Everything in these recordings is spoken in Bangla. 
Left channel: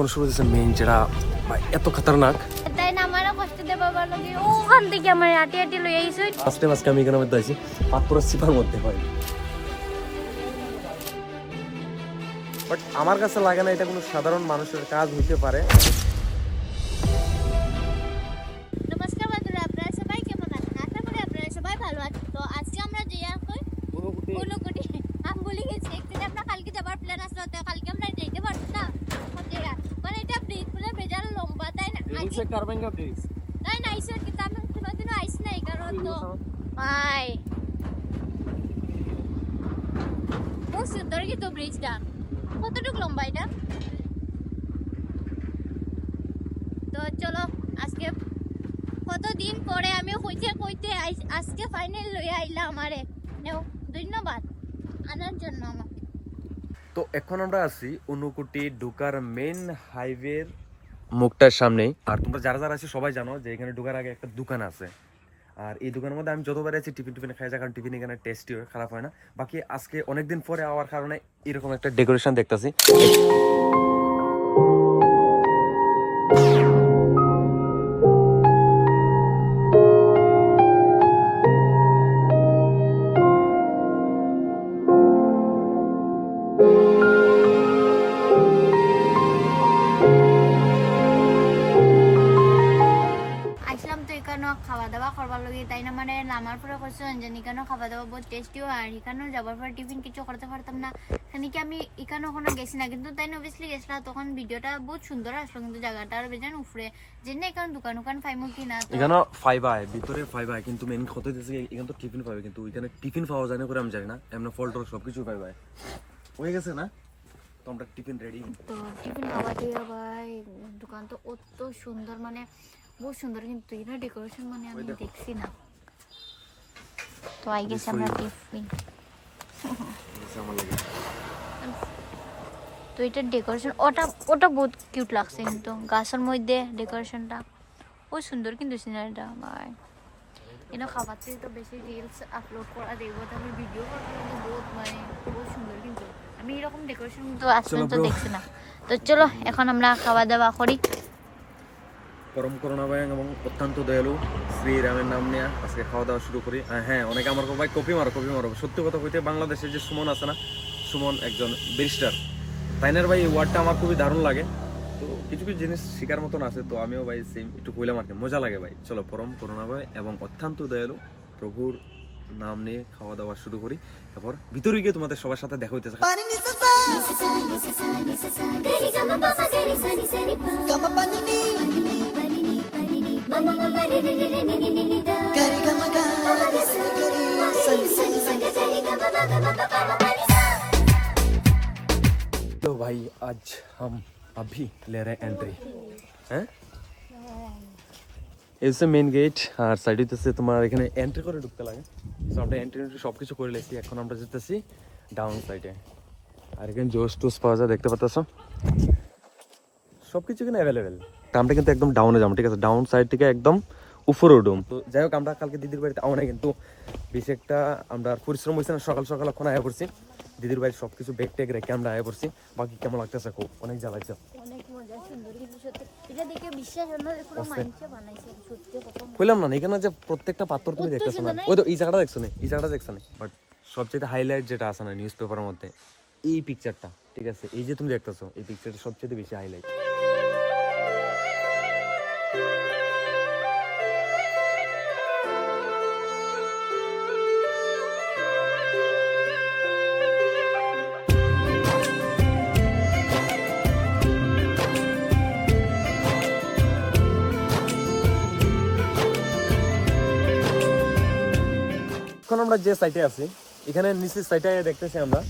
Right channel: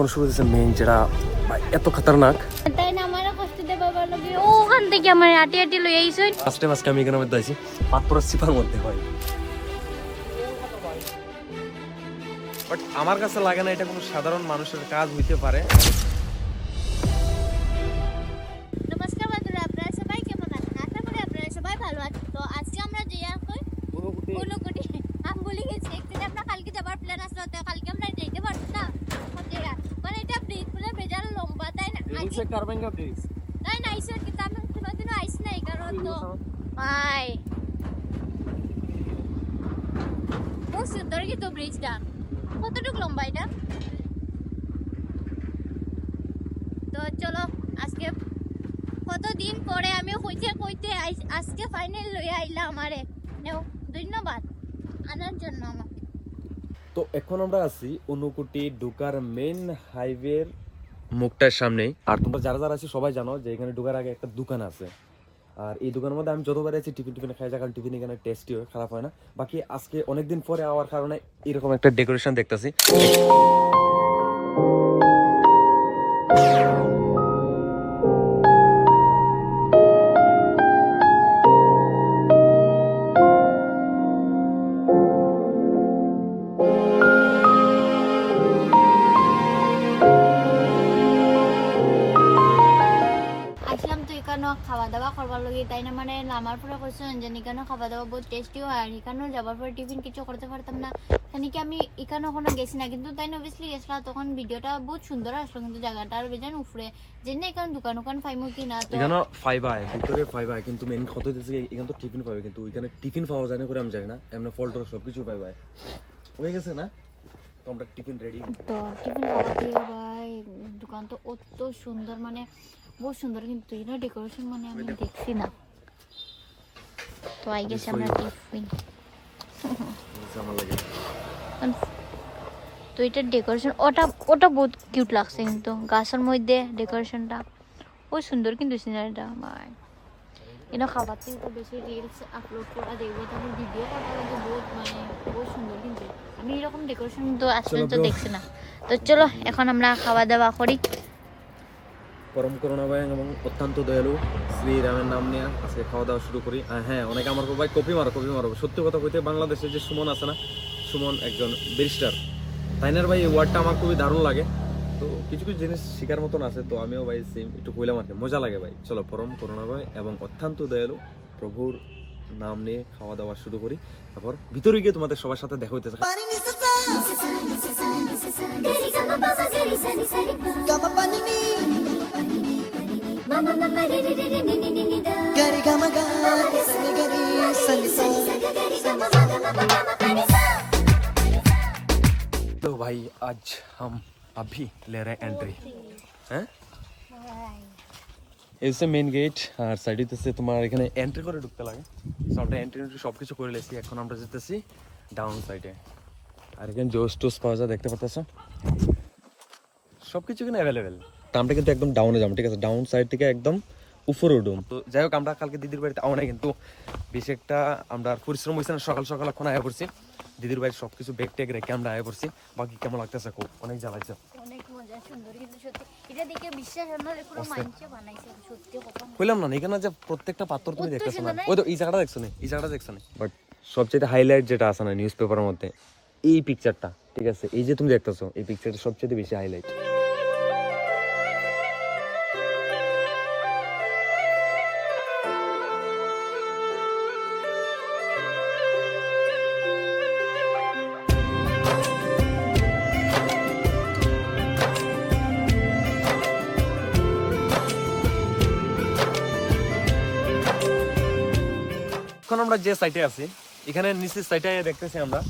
এখন শুরু হচ্ছে মেইন যেটা এত খতরনাক। তাই না আমারও কষ্ট দেবার লাগে ওখান থেকে আমার আটি আটি লই আইছই। ফার্স্টে আমি এখানে মধ্যে আছি পাতপুরা সিপার মধ্যে ভাই, বাট আমার কাছে লাগে না এটা কোনো সাধারণ মানুষের কাজ হইতে পারে। নমস্কার বন্ধুরা, আপনারা সবাই কেমন আছেন? আশা করি আপনারা সবাই ভালো আছেন। তো আজকে আমরা যে কই অনুকুটি আমি বলি গেছি একদিন আমরা কালকে যাবার প্ল্যান আসলো, তো কালকে আমরা যেতে পারবো না মানে এটা ব্রিজ পুরো বেজার লম্বা, তাই না? রিলসে কারবেঙ্গা ব্রিজ তাই না আইসো কিন্তু আমি কোনোদিনও আইস নাই, কারণ তো ভাই খুব সুন্দর কিন্তু ব্রিজটা। কতটুকু লম্বা এটা? তো চলো আজকে কতদিন পরে আমি কইতে আজকে ফাইনাল লইয়া আইলা আমারে নেও, ধন্যবাদ আনার জন্য আমাকে। তো এখন আমরা আছি অনুকুটি ঢুকার মেইন হাইওয়ের মুখটার সামনেই। আর তোমরা যারা যারা আছি সবাই জানো যে এখানে ঢুকার আগে একটা দোকান আছে, আর এই দোকানের মধ্যে আমি যতবার আছি টিফিন খাই যায়, কারণ টিফিন এখানে টেস্টি হয়, খারাপ হয় না। বাকি আজকে অনেকদিন পরে আওয়ার কারণে এরকম একটা ডেকোরেশন দেখতেছি। আসলাম তো এখানেও খাওয়া দাওয়া করবার লগে, তাই না মানে নামার পরে কোশ্চেন যে এখানেও খাওয়া দাওয়া বহুত টেস্টি হয়, আর এখানেও যাবার পরে টিফিন কিছু করতে পারতাম না, এখানে কি আমি এখানে ওখানে গেছি না, কিন্তু তাই না অবভিয়াসলি গেছিলাম, তখন ভিডিওটা বহুত সুন্দর আসলো, কিন্তু জায়গাটা আর বেজান উফরে যে না এখানে দোকান পাইমু কি না। তো এখানে ফাইবাই ভিতরে ফাইবাই, কিন্তু মেইন কত দিতেছে এখানে তো টিফিন পাবে, কিন্তু এখানে টিফিন পাওয়া যায় না করে আমি জানি না, এমনি ফল টল সবকিছু পাইবাই হয়ে গেছে না। তো আমরা টিফিন রেডি, তো টিফিন খাওয়া দিয়ে ভাই দোকান তো অত সুন্দর, মানে বহুত সুন্দর, কিন্তু এই না ডেকোরেশন মানে আমি দেখছি না। তো আই গেছে আমরা টিফিন আমার লাগে। তো এটার ডেকোরেশন ওটা বহুত কিউট লাগছে, কিন্তু গাছের মধ্যে ডেকোরেশনটা বহুত সুন্দর, কিন্তু সিনারিটা ভাই এটা খাবার থেকে তো বেশি রিলস আপলোড করা দেখবো, তারপর ভিডিও করা লাগে বহুত, মানে বহুত সুন্দর, কিন্তু আমি এরকম ডেকোরেশন তো আসলে তো দেখছি না। তো চলো এখন আমরা খাওয়া দাওয়া করি। পরম করুণাময় এবং অত্যন্ত দয়ালু শ্রীরামের নাম নিয়ে আজকে খাওয়া দাওয়া শুরু করি। হ্যাঁ, অনেকে আমার ভাই কপি মারো। সত্যি কথা কইতে বাংলাদেশে যে সুমন আছে না, সুমন একজন ব্যারিস্টার, তাইনার ভাই এই ওয়ার্ডটা আমার খুবই দারুণ লাগে। তো কিছু কিছু জিনিস শিকার মতন আছে, তো আমিও ভাই সেম একটু কইলাম আর কি, মজা লাগে ভাই। চলো পরম করুণাময় এবং অত্যন্ত দয়ালু প্রভুর নাম নিয়ে খাওয়া দাওয়া শুরু করি, তারপর ভিতরে গিয়ে তোমাদের সবার সাথে দেখা হইতেছে। तो भाई आज हम अभी ले रहे हैं एंट्री, हैं এই হচ্ছে মেইন গেট, আর সাইডে হচ্ছে তোমার এখানে এন্ট্রি করে ঢুকতে লাগে। সো আমরা এন্ট্রি সব কিছু করে লেছি, এখন আমরা যেতেছি ডাউন সাইডে। আর এখানে জোস টোস পাওয়া যায়, দেখতে পাচ্ছ সব কিছু এখানে অ্যাভেলেবেল। আমরা কিন্তু একদম ডাউনে যাবো, ঠিক আছে? ডাউন সাইড থেকে একদম উপরে উঠুম। তো যাই হোক, আমরা কালকে দিদির বাড়িতে আও না, কিন্তু বেশি একটা আমরা পরিশ্রম হয়েছে না, সকাল সকাল এখন আয়া পড়ছি দিদির বাড়ি, সবকিছু ব্যাগ ট্যাগ রেখে আমরা আয়া পড়ছি। বাকি কেমন লাগতেছে খুব অনেক জ্বালাইছে, অনেক মজা, সুন্দর, কিন্তু সত্যি এটা দেখে বিশ্বাস হয় না পুরো মাইন্ডসে বানাইছে সত্যি কথা কইলাম না এখানে যে প্রত্যেকটা পাথর তুমি দেখতেছো না, ওই তো এই জায়গাটা দেখছো না, এই জায়গাটা দেখছো না, বাট সবচেয়ে হাইলাইট যেটা আছে না নিউজ পেপারের মধ্যে, এই পিকচারটা, ঠিক আছে? এই যে তুমি দেখতেছো এই পিকচারটা সবচেয়ে বেশি হাইলাইট। এখন আমরা যে সাইটে আছি, এখানে নিচের সাইটে দেখতেছি আমরা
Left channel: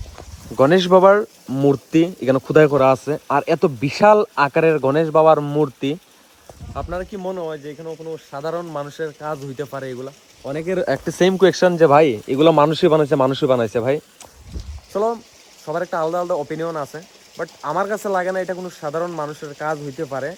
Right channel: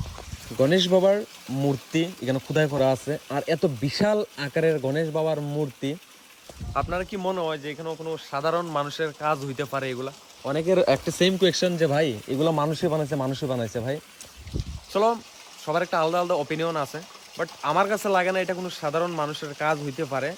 গণেশ বাবার মূর্তি এখানে খোদাই করা আছে। আর এত বিশাল আকারের গণেশ বাবার মূর্তি, আপনারা কি মনে হয় যে এখানে কোনো সাধারণ মানুষের কাজ হইতে পারে? এগুলা অনেকের একটা সেম কোয়েশ্চন যে ভাই এগুলো মানুষই বানাইছে ভাই। চলো, সবার একটা আলাদা আলাদা অপিনিয়ন আছে, বাট আমার কাছে লাগে না এটা কোনো সাধারণ মানুষের কাজ হইতে পারে।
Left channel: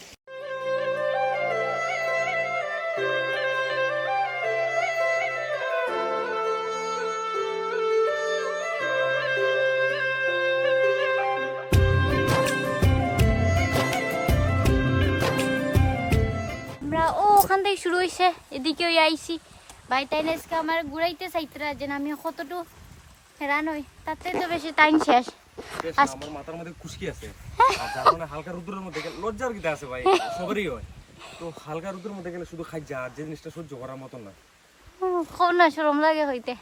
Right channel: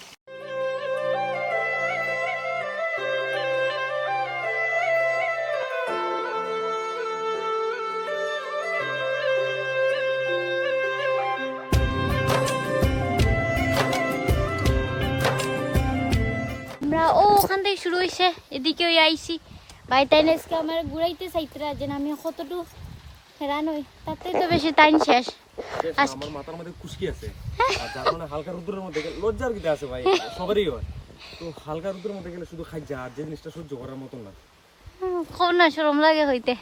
থেকে শুরু হয়েছে, এদিকে ওই আইসি ভাই টাইন আজকে আমার ঘুরাইতে চাইতরা যে আমি কতটুকু হেরান হই, তাতে তো বেশি টাইম শেষ। আমার মাথার মধ্যে খুশকি আছে, আর যার কারণে হালকা রোদ্রের মধ্যে গেলে লজ্জার কিটা আছে ভাই, সবারই হয়। তো হালকা রোদ্রের মধ্যে গেলে শুধু খাই যা, আর যে জিনিসটা সহ্য করার মতন না। কোন না শরম লাগে হইতে।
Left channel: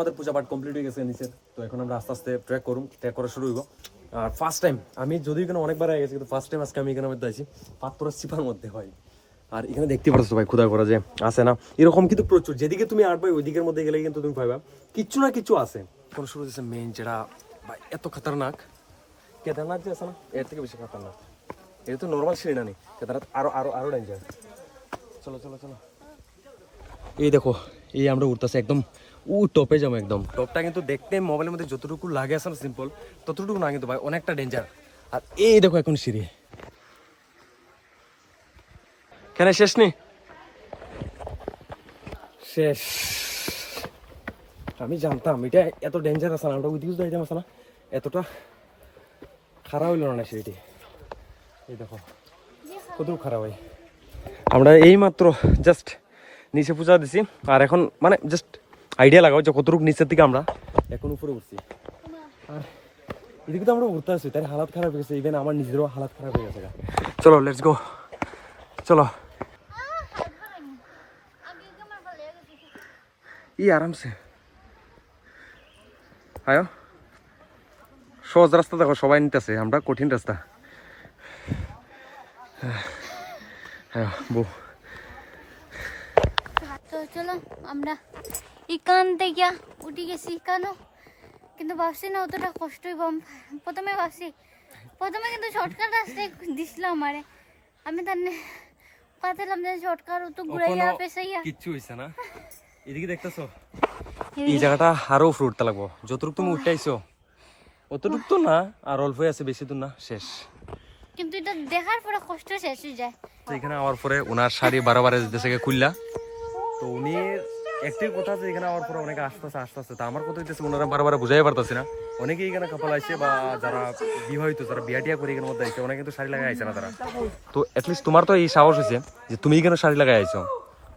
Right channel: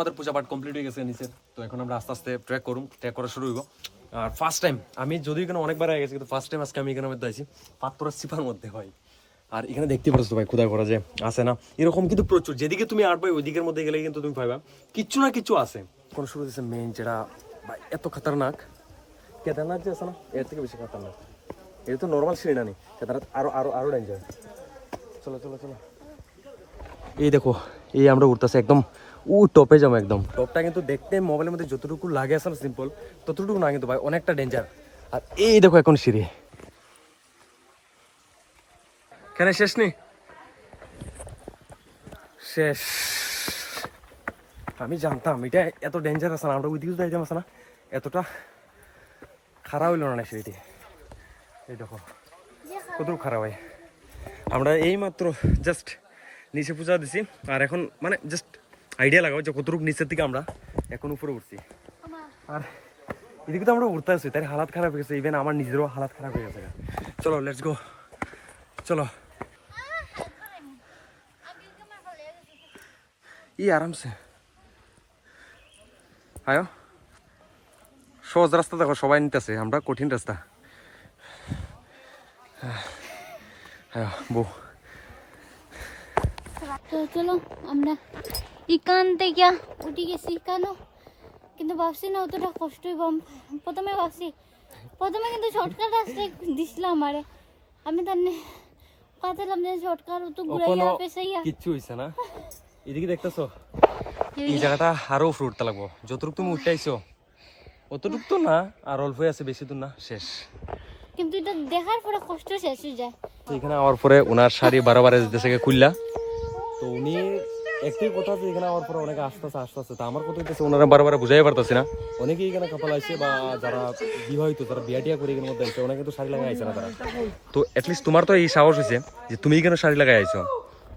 আমাদের পূজা পাঠ কমপ্লিট হয়ে গেছে নিচের, তো এখন আমরা আস্তে আস্তে ট্রেক করা শুরু হইব। আর ফার্স্ট টাইম আমি যদিও এখানে অনেকবার হয়ে গেছি, কিন্তু ফার্স্ট টাইম আজকে আমি এখানে মধ্যে আছি পাথরের সিপার মধ্যে হয়। আর এখানে দেখতে পাচ্ছ ভাই খোদা করা যে আছে না এরকম কিন্তু প্রচুর, যেদিকে তুমি আট ভাই ওই দিকের মধ্যে গেলে কিন্তু তুমি পাইবা কিচ্ছু না কিছু আছে। কোন শুরু হচ্ছে মেইন যেটা ভাই এত খতরনাক, কেদারনাথ যে আছে না এর থেকে বেশি খতরনাক। এটা তো নর্মাল সিঁড়ি না, কেদারনাথ আরো আরো আরো ডেঞ্জার। চলো চলো চলো, এই দেখো এই আমরা উঠতেছি একদম টপে যাবো, একদম টপটা কিন্তু দেখতে মোবাইলের মধ্যে যতটুকু লাগে আসলে সিম্পল, ততটুকু না কিন্তু ভাই অনেকটা ডেঞ্জার। আর এই দেখো এখন সিঁড়ি, কেন শেষ নেই, শেষ। আমি জানতাম এটা এত ডেঞ্জার আছে না, আমরা ওই দিকে যাইতাম আছে না, এতটা খারাপ হইল না সিঁড়িটি। এই দেখো কতটুকু খারাপ হয়। আমরা এই মাত্র জাস্ট নিচে পূজা দিছি, আর এখন মানে জাস্ট আইডিয়া লাগাও যে কতটুকু নিচের থেকে আমরা এখন উপরে উঠছি। আর এদিকে তো আমরা উঠতে আসছি, তাই হালাত খারাপ হয়ে গেছে, ইভেন আমার নিজেরও হালাত খারাপ হয়ে গেছে। চলো লেটস গো, চলো আরামসে আয়ো। সহজ রাস্তা দেখো সবাই নিতেছে, আমরা কঠিন রাস্তা। হ্যাঁ বউ, চলো আমরা ইকান থেকে উঠে গেছি ইকানো, কিন্তু ভাবছি না অতটা কষ্টই কম। প্রথমে কিন্তু শর্টকাট রাস্তায় দিছিল আমারে, আমি তার কাটালাম যে শর্টকাট তো ঘুরাইয়া পেছাইয়া কিচ্ছু হইছে না। এদিকে দেখতেছো এই জায়গাটা আরো উপরে উঠতে লাগবো, যতটুকু তুমি উঠে আইছো অতটুকু তো না, আর অল্প আছে, বেশি দূর না, শেষ। কিন্তু এটা দেখার পরে কষ্ট শেষ হয়ে যায়। তো এখানে আওয়ার পরে ওনার শাড়ি বারবার যেতেছে খুললা, তো উনি একটাই কথা আছে এখানে আওয়ার পরে অনেকে আস্তে আস্তে, তো আমার কথা হইতেছে ওনারা বারবার বুঝাই পারতেছে না। অনেকে এখানে কাপাল আইছে বা যারা বিবাহিত, যারা বিয়া করে এখানের মধ্যে আইছে, অনেকে কিন্তু শাড়ি লাগাই আইছে না তারা। তো এটলিস্ট তোমার তো এই সাহস হয়েছে যে তুমি এখানে শাড়ি লাগাই আইছো।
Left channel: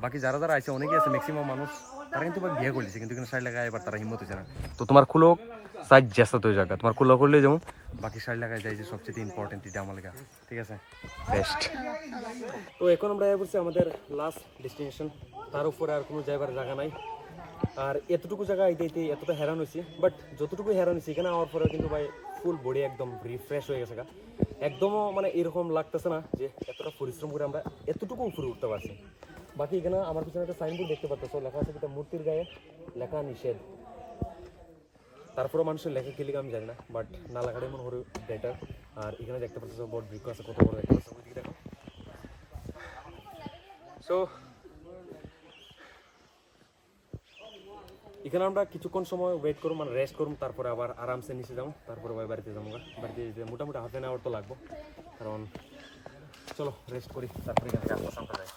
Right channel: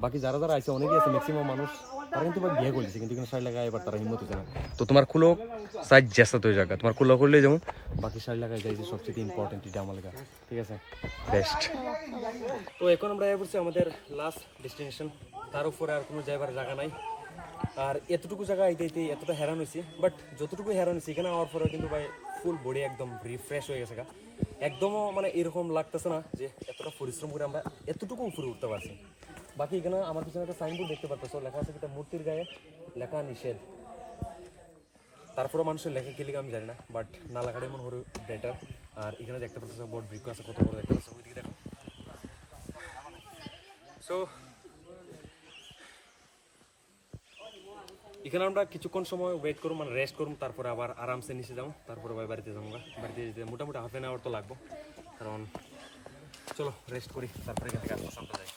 বাকি যারা যারা আইছে অনেকেই আছে, ম্যাক্সিমাম মানুষ তারা কিন্তু বিয়ে করছে, কিন্তু এখানে শাড়ি লাগাই এবার তারা হিম্মত হয়েছে না। তো তোমার খুলো সাইজ জ্যাস্তা তো জায়গা, তোমার খুলো করলে যেমন বাকি শাড়ি লাগাই যায়, যে সবচেয়ে ইম্পর্টেন্ট এটা আমার লেখা, ঠিক আছে বেস্ট। তো এখন আমরা বলছি আমাদের লাস্ট ডেস্টিনেশন, তার উপরে আর কোনো যাইবার জায়গা নাই। আর এতটুকু জায়গা আইতে এতটা হেরান হয়েছি, বাট যতটুকু হেরান হয়েছি এখানে আওয়ার পরেও কিন্তু ভাই ফুল বডি একদম রিফ্রেশ হয়ে গেছে, একদমও মানে এরকম লাগতেছে না যে এতটা পরিশ্রম করে আমরা এতটুকু উপরে উঠতে পারছি। বাকি এখানে আমার পিছনে একটা সাইনবোর্ড দেখতে পাচ্ছ, লেখা আছে একটা মূর্তির গায়ে লেখা নিষেধ। তারপরে মানুষের লেখা কি লিখে আমি জানি না, বাট না লেখাটাই মনে হয় বেটার। আর এখানে দেখতে পাচ্ছ বড় বৃক্ষ আছে, কত বড় দেখতে পাচ্ছ, ওইদিকে দেখো। সো এখানে আমরা কিছুক্ষণ সময় ওয়েট করুম, মানে রেস্ট করুম, তারপরে আবার আরামসে নিচে যাবো, তারপরে ভাই বাড়িতে যাবো। বাড়িতে যেতে মোটামুটি হাফ অ্যান আওয়ার তো লাগবো, কারণ চলো রেস্ট করি, তারপরে এখান থেকে আস্তে আস্তে যাই।